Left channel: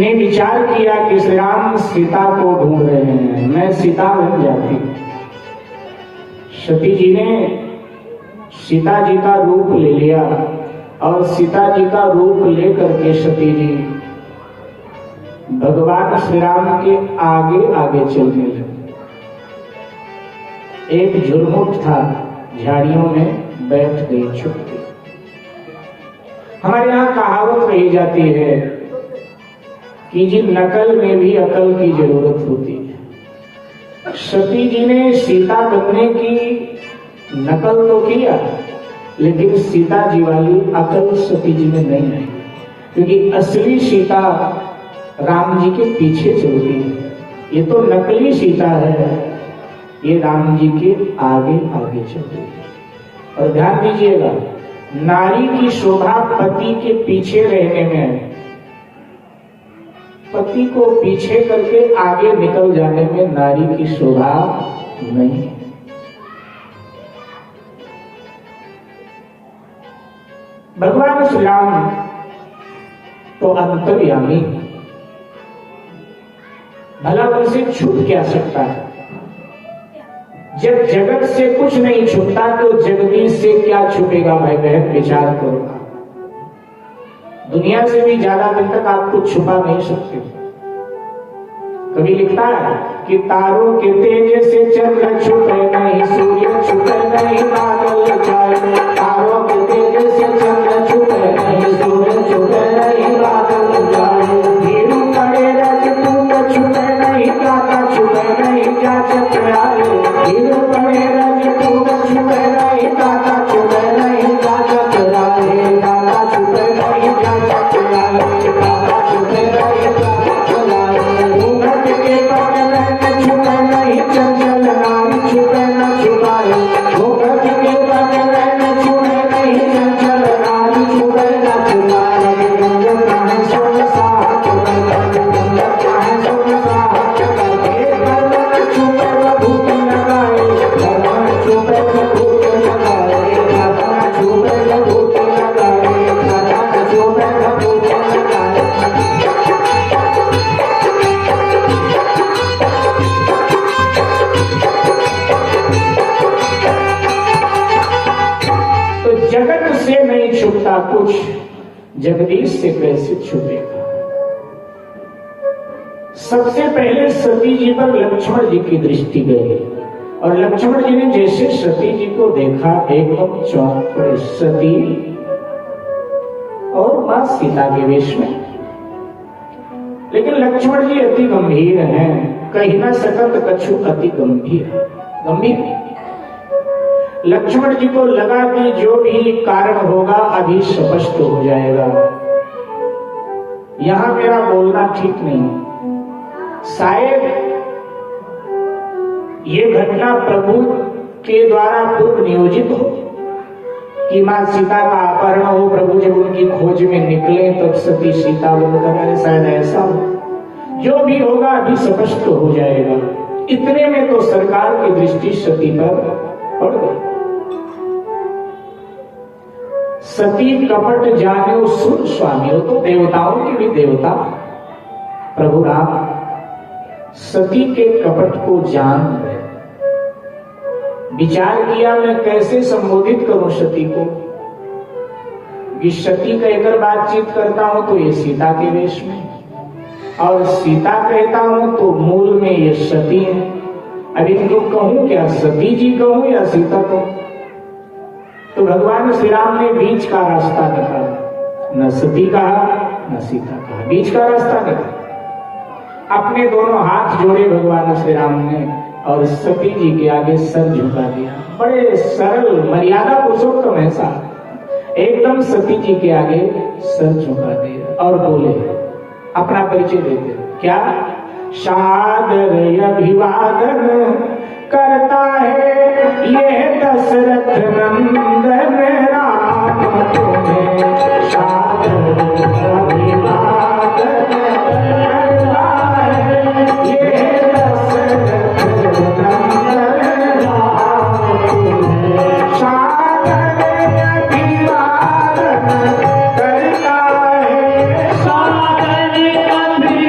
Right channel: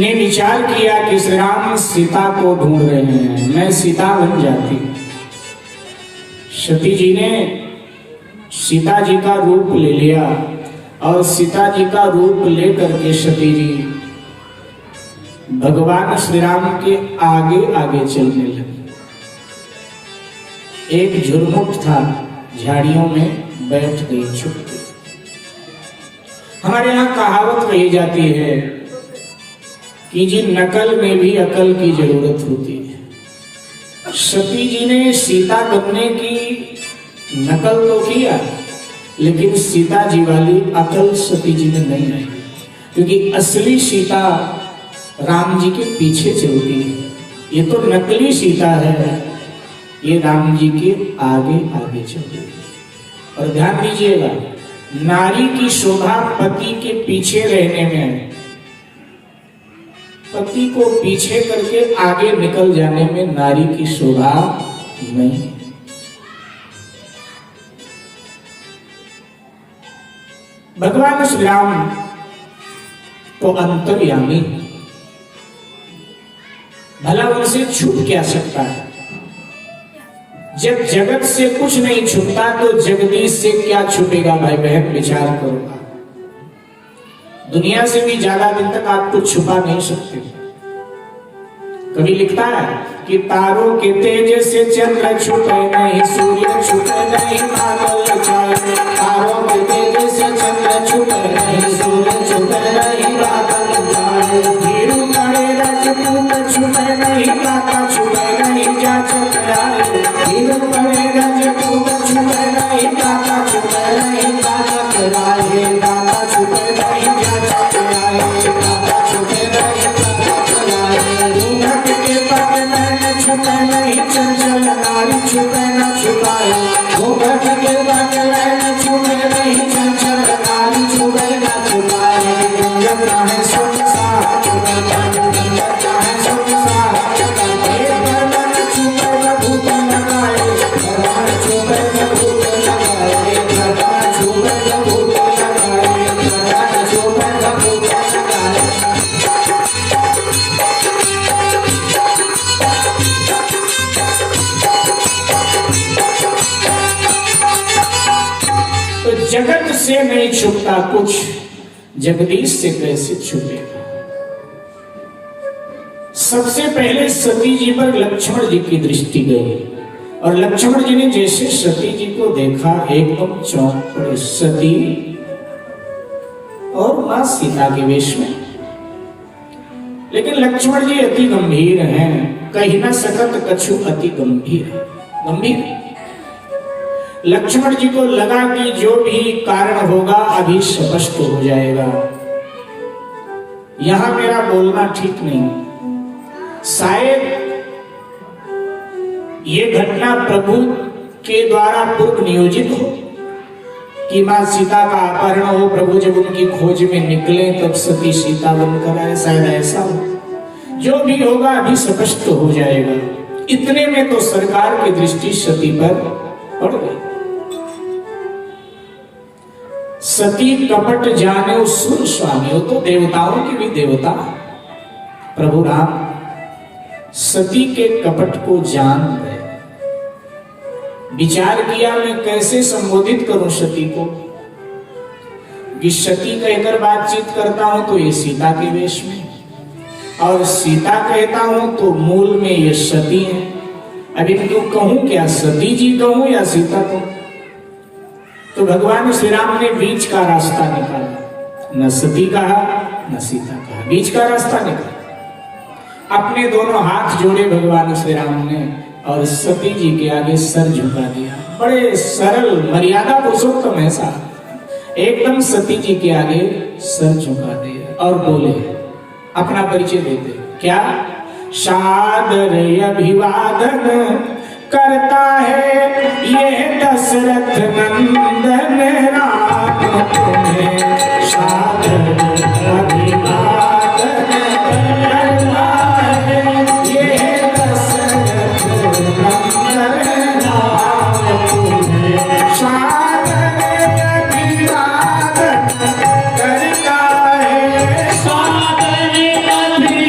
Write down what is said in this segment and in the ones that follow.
ने विचार किया कि श्री राम सीता को ढूंढ रहे हैं, मैं सीता बन जाती। सती जी ने सीता जी का रूप ले लिया और सीता जी का रूप लेकर के सती जी भगवान श्री राम के आगे आगे चलने लगे। एक झुरमुट था, झाड़ियों में बैठ गई, छुप गई। हमारे यहाँ कहावत कही जाती है कि जी नकल में भी अकल की जरूरत होती है। सती जी ने सीता बनने की नकल तो किया, लेकिन सीता जी वाली अकल सती जी में नहीं आई, क्योंकि असली सीता राम जी के पीछे चलती है। ये तो नकली सीता है, ये राम जी के आगे आगे चलती है। और ध्यान दीजिएगा, नारी की शोभा पति के पीछे रहने में है, पति को पीछे करके आगे निकल जाने में नारी की शोभा नहीं। भगवान श्री राम तो अंतर्यामी, भला उनसे छुप क्या सकता है? जब जगत से कुछ नहीं छुपता तो जगदीश से क्या छुपेगा? भाई बहन विचार करो, दुनिया से भी ज्यादा दिन तक आप कुछ छुपा नहीं सकते। कभी लिखता है कि तारों के तेज से चंद्र छुपे नहीं, सूर्य छुपे नहीं, बादल छाए। तारों के तेज से चंद्र छुपे नहीं, सूर्य छुपे नहीं, बादल छाए। धीरू पड़े रजपूत छुपे नहीं, काका छुपे नहीं, जाचक आए। धीरू पड़े रजपूत छुपे नहीं, काका छुपे नहीं, जाचक आए। दादा छुपे नहीं, जाचक आए। दादा छुपे नहीं, जाचक आए। घूंघट के पगले छुपे नहीं, चंचल नारी छुपे न छुपाए। घूंघट के पगले छुपे नहीं, चंचल नारी छुपे न छुपाए। गुंजन कहाँ सुनसान छुपे नहीं, गुंजन कहाँ सुनसान छुपे नहीं। भगवान छुपे विभूति लगाए, भगवान छुपे विभूति लगाए, भगवान छुपे विभूति लगाए, भगवान छुपे विभूति लगाए। तो जगत से नहीं छुपता कुछ, जगदीश से कैसे छुपेगा? सबसे पहले सती जी पर लक्ष्मण जी की दृष्टि गई और लक्ष्मण जी ने जैसे सती जी को देखा एकदम चौंक पड़े। सती और मां सीता के वेश में, लेकिन लक्ष्मण जी अति गंभीर हैं, कही न सकत कछु अति गंभीर। गंभीर लक्ष्मण जी को लगा कि जो भी कारण होगा अभी स्पष्ट हो जाएगा, यहां मेरा बोलना ठीक नहीं। शायद ये घटना प्रभु के द्वारा पूर्व नियोजित हो कि मां सीता का अपहरण हो, प्रभु जब उनकी खोज में निकले तब सती सीता बनकर आए, शायद ऐसा हो। जो भी होगा अभी स्पष्ट हो जाएगा। इतने में तो सरकार की दृष्टि सती पर पड़ गई। सती कपट जाने सुर स्वामी, हो तो देवताओं के भी देवता प्रभु राम सती के कपट को जान गए। विचार किया मैं कैसे संबोधित करूं सती को, कि सती कहकर बातचीत करता हूं तो ये सीता के वेश में, और सीता कहता हूं तो मूल में ये सती है। अभी तो कहूं क्या, सती जी कहूं या सीता कहूं? तो भगवान श्री राम ने बीच का रास्ता निकाला, न सती कहा न सीता कहा, बीच का रास्ता निकाला। अपने दोनों हाथ जोड़े भगवान श्री राम ने और सती जी के आगे सर झुका दिया। बड़े सरल मर्यादा पुरुषोत्तम ऐसा एकदम सती जी के आगे सर झुका दिया और बोले, अपना परिचय देते, क्या सादर अभिवादन करता है ये दशरथ नंदन राम, तुम्हें सादर अभिवादन करता है ये दशरथ नंदन राम, तुम्हें सादर अभिवादन करता है, सादर अभिवादन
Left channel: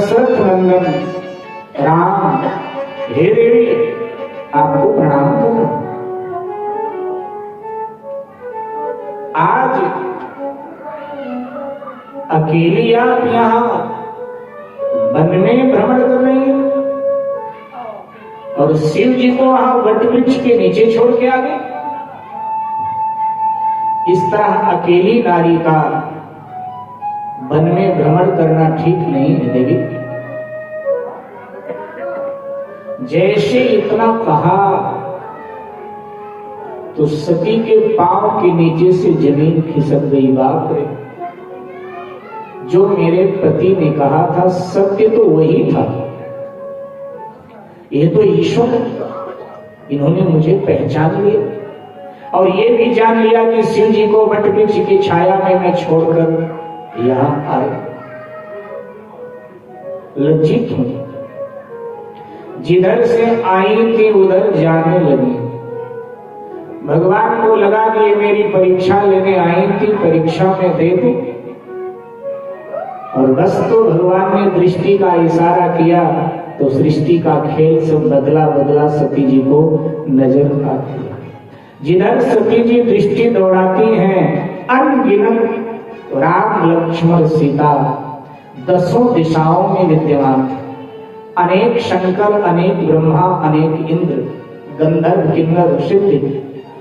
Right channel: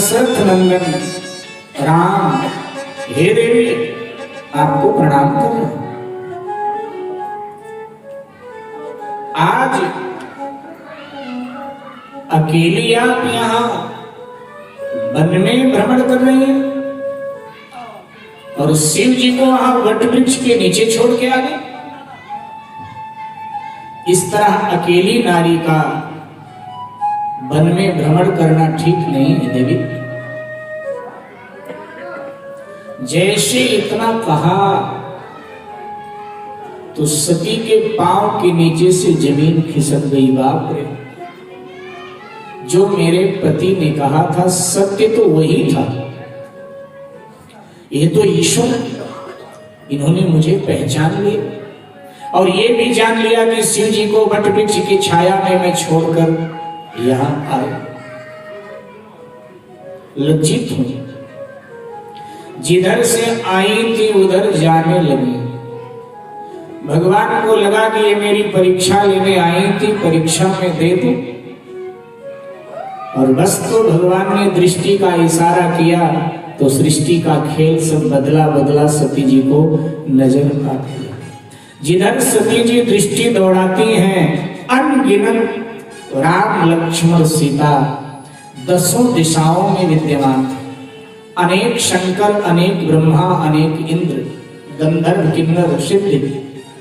दशरथ नंदन राम, हे देवी आपको प्रणाम कर रहे हैं। आज अकेली आप यहां वन में भ्रमण कर रही हैं और शिव जी को वहां वट वृक्ष के नीचे छोड़ के आ गए। इस तरह अकेली नारी का वन में भ्रमण करना ठीक नहीं है देवी। जैसे इतना कहा तो सती के पांव के नीचे से जमीन खिसक गई। बाप रे, जो मेरे पति ने कहा था सत्य तो वही था। ये तो ईश्वर, इन्होंने मुझे पहचान लिया और ये भी जान लिया कि शिव जी को वट वृक्ष की छाया में मैं छोड़कर यहां आए। लज्जित हूं, जिधर से आई थी उधर जाने लगी। भगवान को लगा कि ये मेरी परीक्षा लेने आई थी, परीक्षा में दे दूं। और बस तो भगवान ने दृष्टि का इशारा किया तो सृष्टि का खेल सब बदला बदला सती जी को नजर आती है। जिधर सती जी दृष्टि दौड़ाती हैं, अनगिनत राम लक्ष्मण सीता दसों दिशाओं में विद्यमान, अनेक शंकर, अनेक ब्रह्मा, अनेक इंद्र, गंधर्व, किन्नर, सिद्ध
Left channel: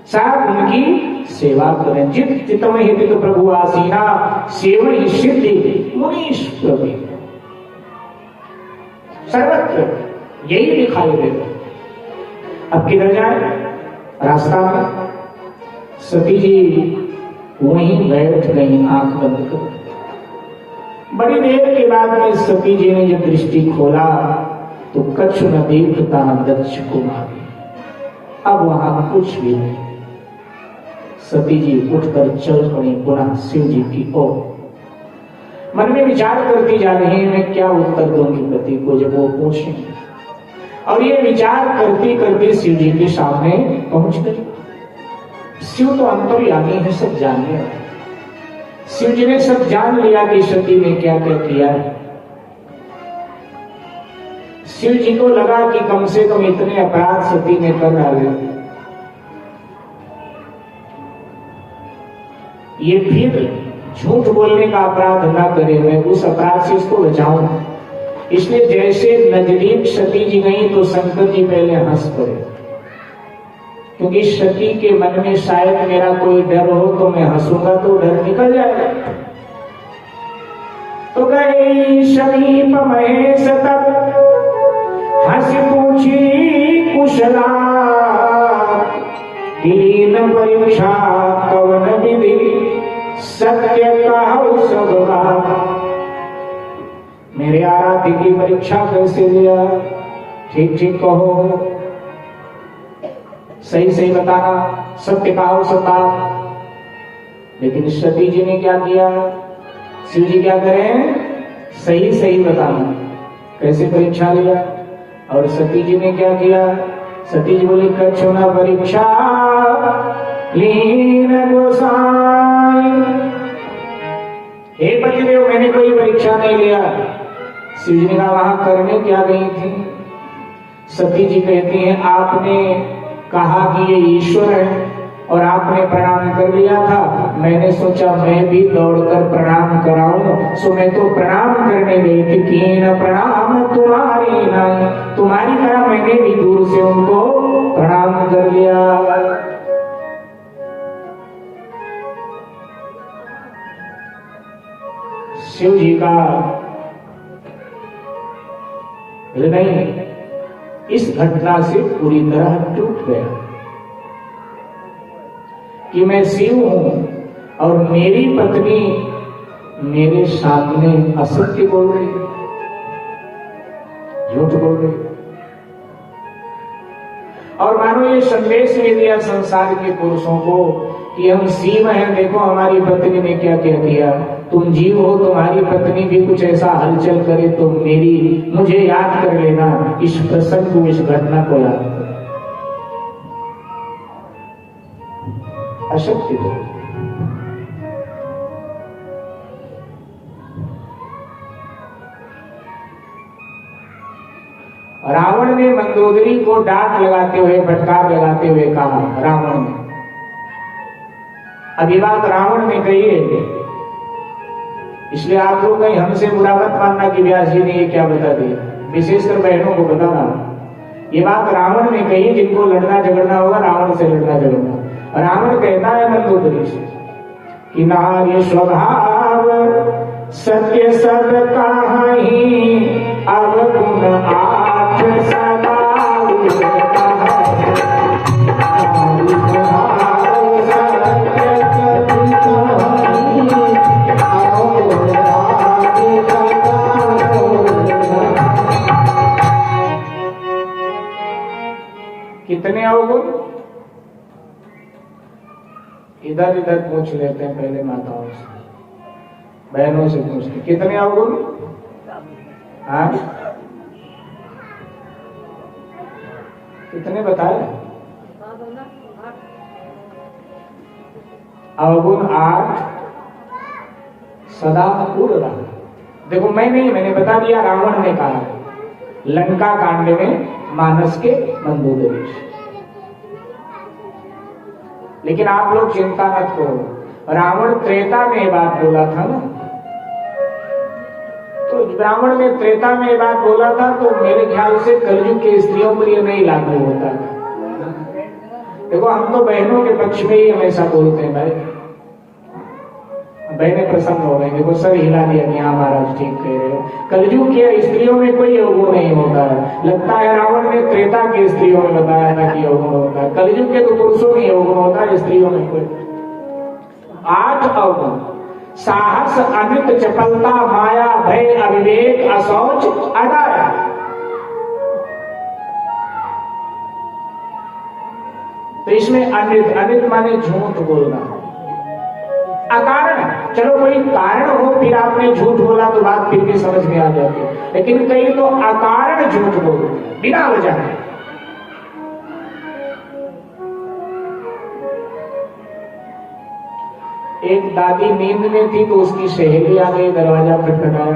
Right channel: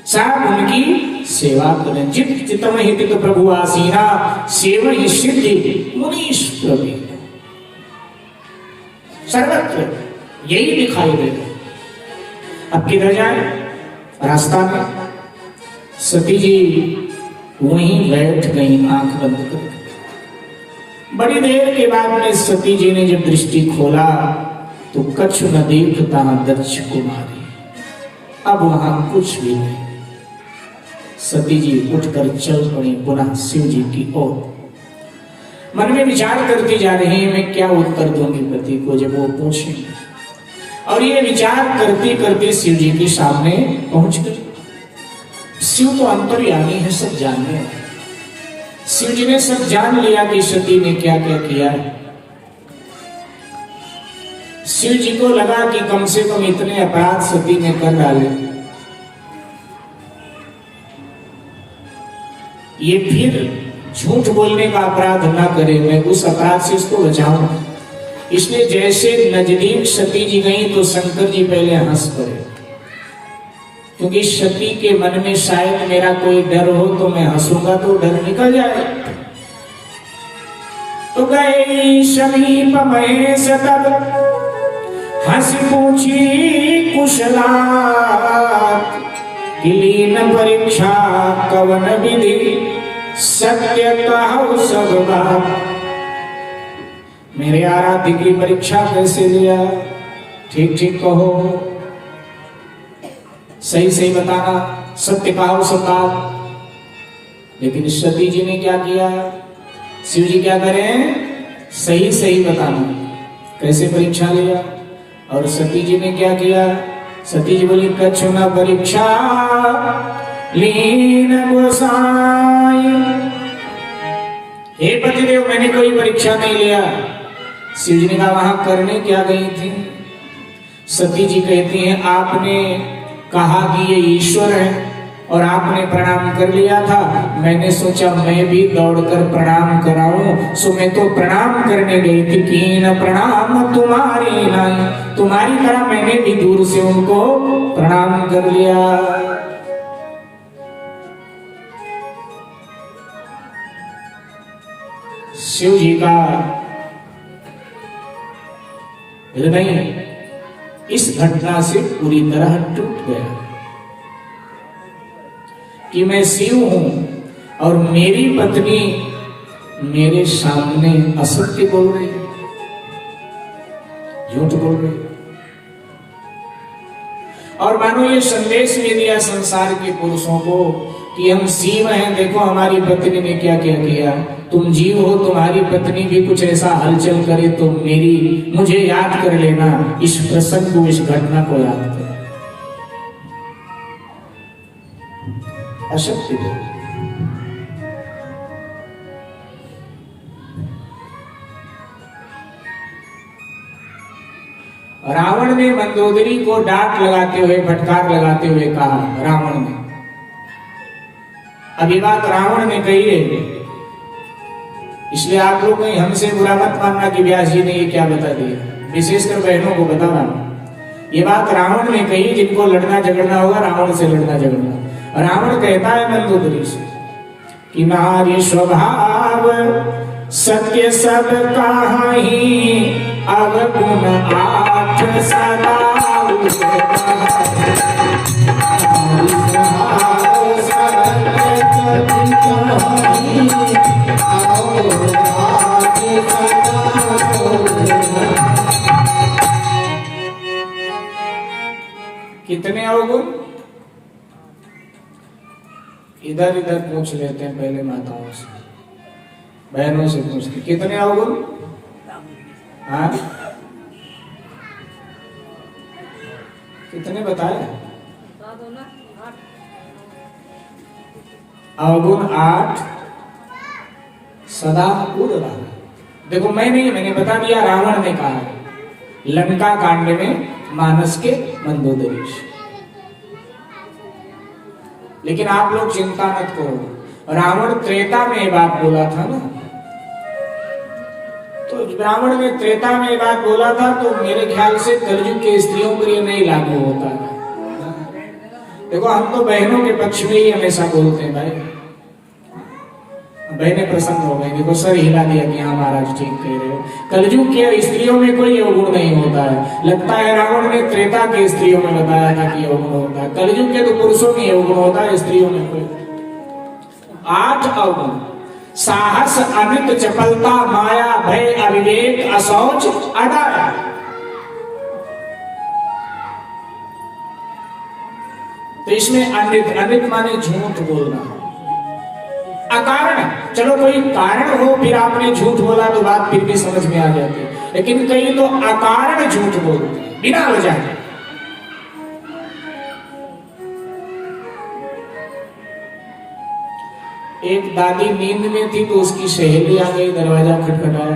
सब उनकी सेवा करें। जित चितम हित प्रभु आसीना सेवन सिद्धि मुनीश प्रवीण। सर्वत्र यही दिखाई देगा। अब किधर जाए? रास्ता में सती जी वहीं बैठ गई आंख बंद कर। बड़ी देर के बाद में सती जी ने जब दृष्टि खोला तो कछु न देखता दक्ष कुमारी। अब वहां कुछ भी नहीं। सती जी उठकर चल पड़ी पुनः शिव जी की ओर। मन में विचार करती जा रही है मैं क्या उत्तर दूंगी पति को जब वो पूछे। और ये विचार करते करते शिव जी के सामने पहुंच गई। शिव तो अंतर्यामी है, सब जानने हैं। शिव जी ने सब जान लिया कि सती ने क्या क्या किया है। शिव जी को लगा कि कम से कम इतने अपराध सती ने कर डाले, ये फिर झूठ बोलने का अपराध ना करे, मैं उस अपराध से इसको बचाऊं। इसलिए जैसे नजदीक सती जी गई तो शंकर जी पहले हंस पड़े, क्योंकि सती के मन में शायद मेरा कोई डर हो तो मैं हंसूंगा तो डर निकल जाएगा। तो गए समीप महेश तब हंस पूछी कुशला, किलीन परीक्षा कवन विधि सत्य कहु सब बात। मेरे आराध्य की परीक्षा कैसे लिया, ठीक ठीक कहो, सही सही बताना, सत्य कहो सब बात। लेकिन सती जी ने क्या किया? शिव जी क्या करें? सही सही बताना। कैसे परीक्षा लिया? और सती जी ने क्या किया? सती जी बोली कछु न परीक्षा लीन गोसाई। हे पतिदेव मैंने कोई परीक्षा नहीं लिया। शिव जी ने कहा वहां करने क्या गई थी? सती जी कहती हैं आपने कहा कि ये ईश्वर है और आपने प्रणाम कर लिया था, मैंने सोचा मैं भी दौड़कर प्रणाम कराऊं, सो मैं तो प्रणाम करने गई थी। कीन प्रणाम तुम्हारी नहीं, तुम्हारी तरह मैंने भी दूर से उनको प्रणाम कर लिया। शिव जी का हृदय इस घटना से पूरी तरह टूट गया कि मैं शिव हूं और मेरी पत्नी मेरे सामने असत्य बोल रही, झूठ बोल रही। और मानो ये संदेश में दिया संसार के पुरुषों को कि हम शिव हैं, देखो हमारी पत्नी ने क्या क्या किया। तुम जीव हो, तुम्हारी पत्नी भी कुछ ऐसा हलचल करे तो मुझे याद कर लेना, इस प्रसंग को, इस घटना को याद कर। अशक्ति बोल। रावण ने मंदोदरी को डांट लगाते हुए, फटकार लगाते हुए कहा, रावण ने, अब ये बात रावण ने कही है, इसलिए आप लोग कहीं हमसे बुरा मत मानना कि व्यास जी ने ये क्या बता दिया, विशेषकर बहनों को बताना। ये बात रावण ने कही, जिनको लड़ना झगड़ना होगा रावण से लड़ना झगड़ना। रावण कहता है मंदोदरी से कि नारी स्वभाव सत्य सब कहाही, अवगुण आठ सदा कितने अवगुण? इधर इधर पूछ लेते हैं पहले माताओं से, बहनों से पूछते कितने अवगुण? हाँ, कितने बताए? अवगुण 8 सदा पूर्ण रहा। देखो मैं नहीं, मैंने बता दिया, रावण ने कहा है लंका कांड में मानस के मंदोदरी। लेकिन आप लोग चिंता मत करो, रावण त्रेता में ये बात बोला था ना, तो रावण ने त्रेता में ये बात बोला था, तो मेरे ख्याल से कलयुग के स्त्रियों पर ये नहीं लागू होता है। देखो हम तो बहनों के पक्ष में ही हमेशा बोलते हैं भाई, बहनें प्रसन्न हो गई, देखो सर हिला दिया कि हाँ महाराज ठीक कह रहे हो, कलयुग के स्त्रियों में कोई अवगुण नहीं होता है। लगता है रावण ने त्रेता के स्त्रियों में बताया था कि अवगुण होता है, कलयुग के तो पुरुषों में अवगुण होता है, स्त्रियों में कोई। 8 अवगुण, साहस, अमित, चपलता, माया, भय, अविवेक, असौच, अडाया। तो इसमें अनित, अनित माने झूठ बोलना, अकारण, चलो कोई कारण हो फिर आपने झूठ बोला तो बात फिर भी समझ में आ जाती है, लेकिन कई तो अकारण झूठ बोलते हैं बिना वजह। एक दादी नींद में थी तो उसकी सहेली आ गई, दरवाजा खटखटाया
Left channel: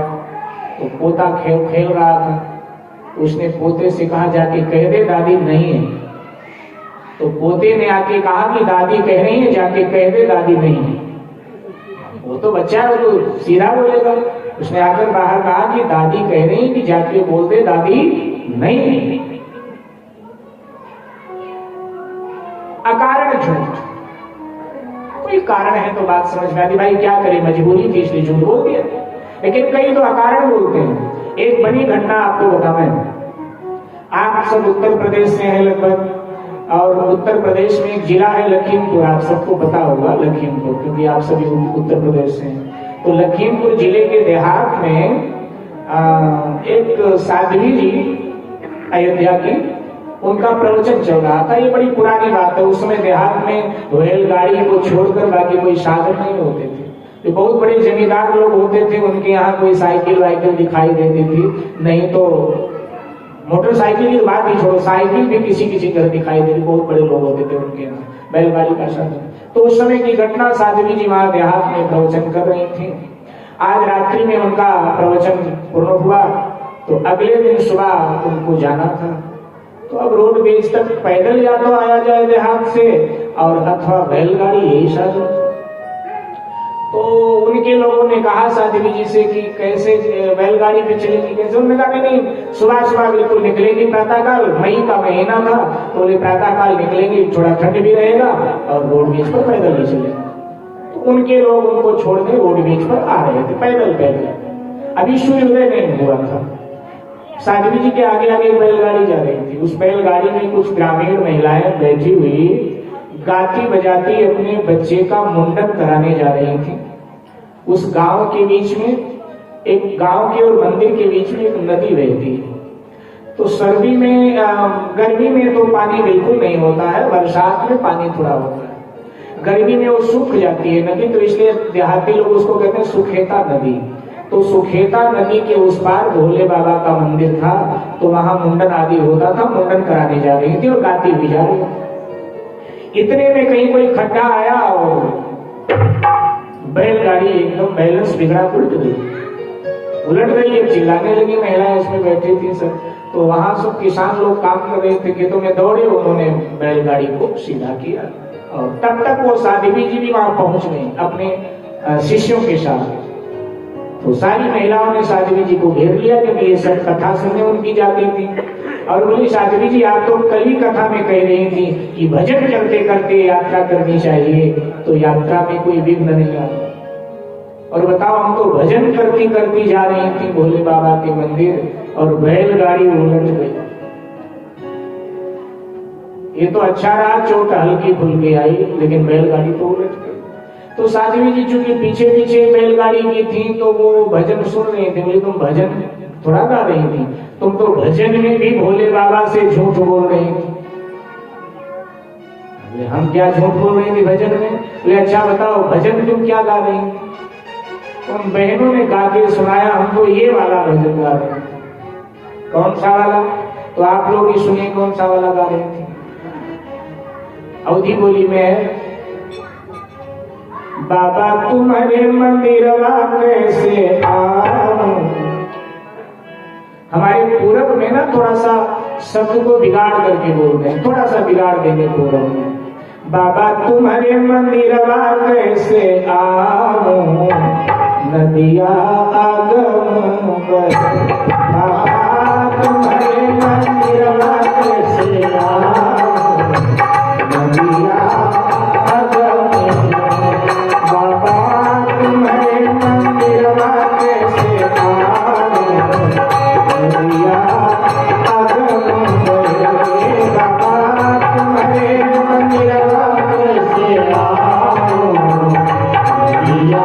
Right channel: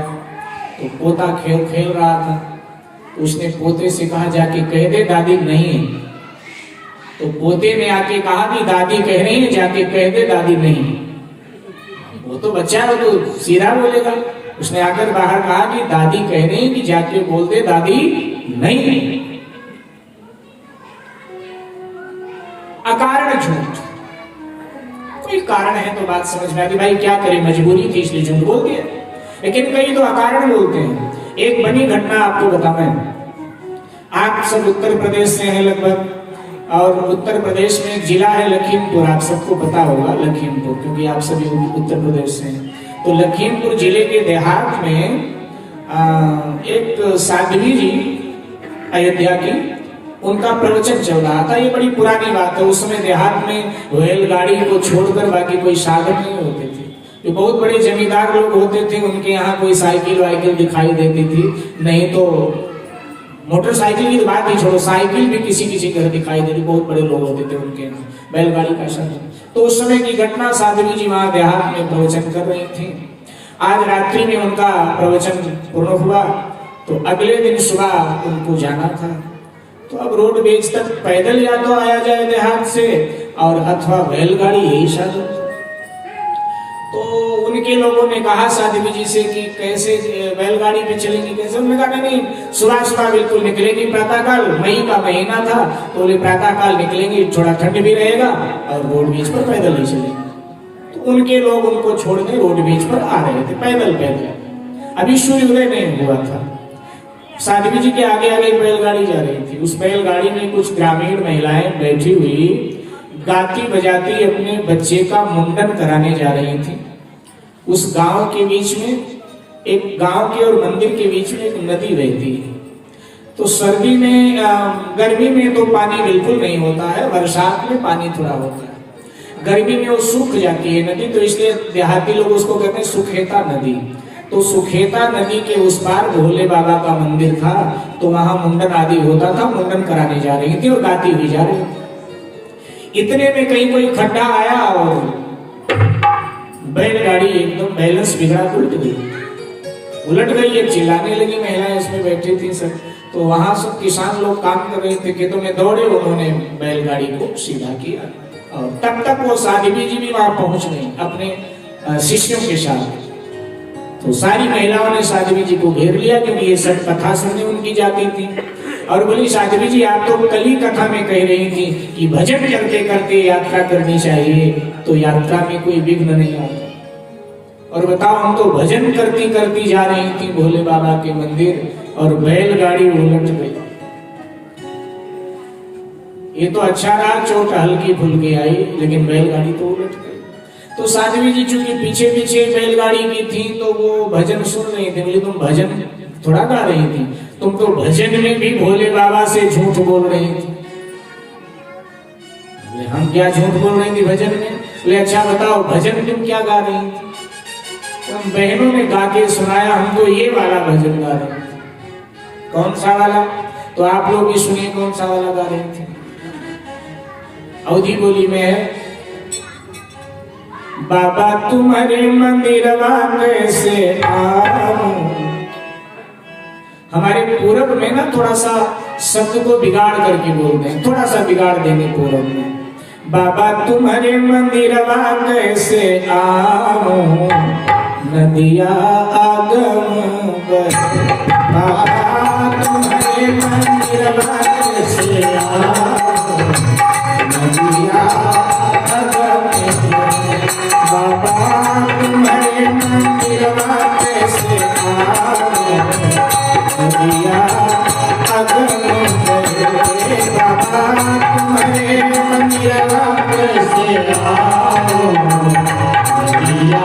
तो पोता खेल रहा था, तो उसने पोते से कहा जाके कह दे दादी नहीं है। तो पोते ने आके कहा कि दादी कह रही है, जाके कह दे दादी नहीं है। वो तो बच्चा है, वो तो सीधा बोलेगा। उसने आकर बाहर कहा कि दादी कह रही कि जाके बोल दे दादी नहीं। अकारण झूठ, कोई कारण है तो बात समझ में आती, भाई क्या करे मजबूरी थी इसलिए झूठ बोल दिया। लेकिन कई तो अकारण बोलते हैं। एक बनी घटना आपको बताऊं, आप सब उत्तर प्रदेश से हैं लगभग, और उत्तर प्रदेश में एक जिला है लखीमपुर, आप सबको पता होगा लखीमपुर, क्योंकि आप सभी उत्तर प्रदेश से हैं। तो लखीमपुर जिले के देहात में एक साध्वी जी अयोध्या की, उनका प्रवचन चल रहा था। ये बड़ी पुरानी बात है, उस समय देहात में बैलगाड़ी को छोड़कर बाकी कोई साधन नहीं होते थे। जो बहुत बड़े जमींदार लोग होते थे उनके यहाँ कोई साइकिल वाइकिल दिखाई देती थी, नहीं तो मोटरसाइकिल की बात ही छोड़ो, साइकिल भी किसी किसी घर दिखाई दे रही, बहुत बड़े लोग होते थे उनके यहाँ, बैलगाड़ी का साधन। तो उस समय की घटना, साध्वी जी वहां देहात में प्रवचन कर रही थी। आज रात्रि में उनका प्रवचन पूर्ण हुआ, तो अगले दिन सुबह उनको जाना था। तो अब रोडवेज तक पैदल या तो आया जाए देहात से, और अथवा बैलगाड़ी, यही साधन। तो उनके लोगों ने कहा साध्वी जी से कि कैसे बैलगाड़ी पे चलेंगी, कैसे? उन्होंने कहा नहीं, सुबह सुबह बिल्कुल निकलेंगी, प्रातःकाल, मई का महीना था तो बोले प्रातःकाल निकलेंगी, थोड़ा ठंड भी रहेगा और रोडवेज पर पैदल ही चलेंगे। तो उनके लोग उनको छोड़ने रोडवेज पर आ रहे थे पैदल पैदल। अभी सूर्योदय नहीं हुआ था। साध्वी जी के आगे आगे बैलगाड़ी जा रही थी। उस बैलगाड़ी में कुछ ग्रामीण महिलाएं बैठी हुई गाती बजाती अपने बच्चे का मुंडन कराने जा रही थी। उस गांव के बीच में, एक गांव के और मंदिर के बीच में एक नदी बहती है। तो सर्दी में, गर्मी में तो पानी बिल्कुल नहीं होता है, बरसात में पानी थोड़ा होता है, गर्मी में वो सूख जाती है नदी, तो इसलिए देहाती लोग उसको कहते हैं सुखेता नदी। तो सुखेता नदी के उस पार भोले बाबा का मंदिर था, तो वहां मुंडन आदि होता था, मुंडन कराने जा रही थी और गाती हुई जा रही थी। इतने में कहीं कोई खड्डा आया और बैलगाड़ी एकदम बैलेंस बिगड़ा, उलट गई। ये चिल्लाने लगी महिलाएं उसमें बैठी थी सब। तो वहां सब किसान लोग काम कर रहे थे, खेतों में दौड़े, उन्होंने बैलगाड़ी को सीधा किया और तब तक वो साध्वी जी भी वहां पहुंच गई अपने शिष्यों के साथ। तो सारी महिलाओं ने साध्वी जी को घेर लिया, क्योंकि ये सब कथा सुनने उनकी जाती थी। और बोली, साध्वी जी आप तो कल ही कथा में कह रही थी कि भजन करते करते यात्रा करनी चाहिए, तो यात्रा में कोई विघ्न नहीं आता। और बताओ, हम तो भजन करती करती जा रही थी भोले बाबा के मंदिर और बैलगाड़ी उलट गई। ये तो अच्छा रहा, चोट हल्की फुल्की आई, लेकिन बैलगाड़ी तो उलट गई। तो साध्वी जी चूंकि पीछे पीछे बैलगाड़ी की थी, तो वो भजन सुन रही थी। बोली, तुम भजन थोड़ा गा रही थी, तुम तो भजन में भी भोले बाबा से झूठ बोल रही थी। हम क्या झूठ बोल रही थी भजन में? बोले, अच्छा बताओ भजन तुम क्या गा रही थी? उन बहनों ने गा के सुनाया, हम तो ये वाला भजन गा रहे थे। कौन सा वाला? तो आप लोग भी सुनिए कौन सा वाला गा रहे थे। अवधी बोली में है, बाबा तुम्हारे मंदिरवा कैसे आऊं। हमारे पूरब में ना थोड़ा सा शब्द को बिगाड़ करके बोलते हैं, थोड़ा सा बिगाड़ देंगे पूरब में। बाबा तुम्हारे मंदिरवा कैसे आऊं, नदिया आगम बर। बाबा तुम्हारे मंदिरवा कैसे आऊं, नदिया आगम बर। बाबा तुम्हारे मंदिरवा कैसे आऊं, नदिया आगम बर। बाबा तुम्हारे मंदिरवा कैसे आऊं, नदिया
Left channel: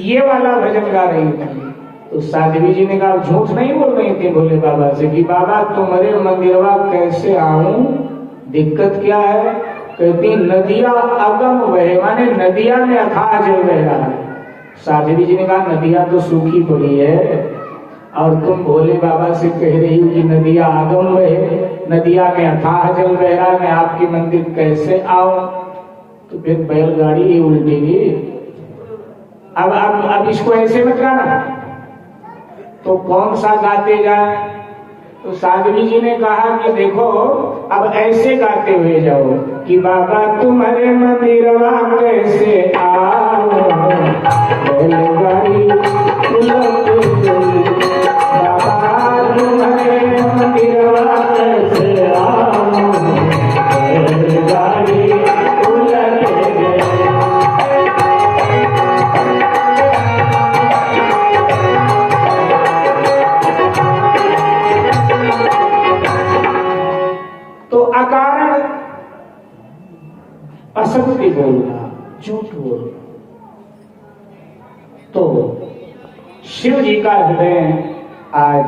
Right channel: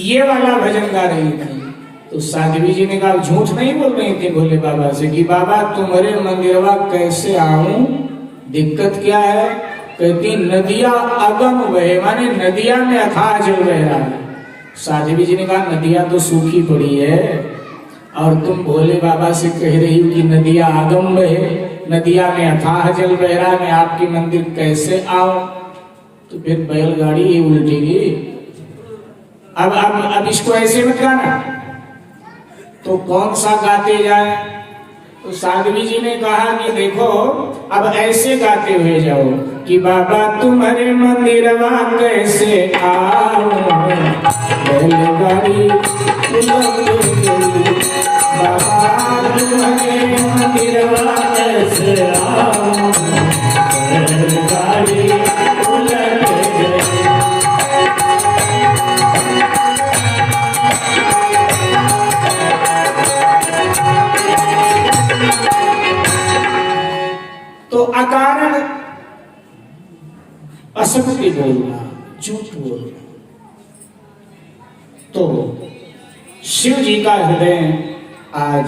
ये वाला भजन गा रही थी। तो साध्वी जी ने कहा, झूठ नहीं बोल रही थी भोले बाबा से कि बाबा तुम्हारे मंदिरवा कैसे आऊं, दिक्कत क्या है? कहती, नदिया अगम बहे, माने नदिया में अथाह जल बह रहा है। साध्वी जी ने कहा, नदिया तो सूखी पड़ी है और तुम भोले बाबा से कह रही हो कि नदिया आगम बहे, नदिया में अथाह जल बह रहा है, मैं आपके मंदिर कैसे आऊं? तो फिर बैलगाड़ी उल्टेगी। अब इसको ऐसे मत गाना, तो कौन सा गाते जाए? तो साध्वी जी ने कहा कि देखो, अब ऐसे गाते हुए जाओ कि बाबा तुम्हारे मंदिरवा कैसे आऊं, बैलगाड़ी उलट गई। बाबा तुम्हारे मंदिरवा कैसे आऊं, बैलगाड़ी उलट गई। तो अकारण असत्य बोलना, झूठ बोलना। तो शिव जी का हृदय आज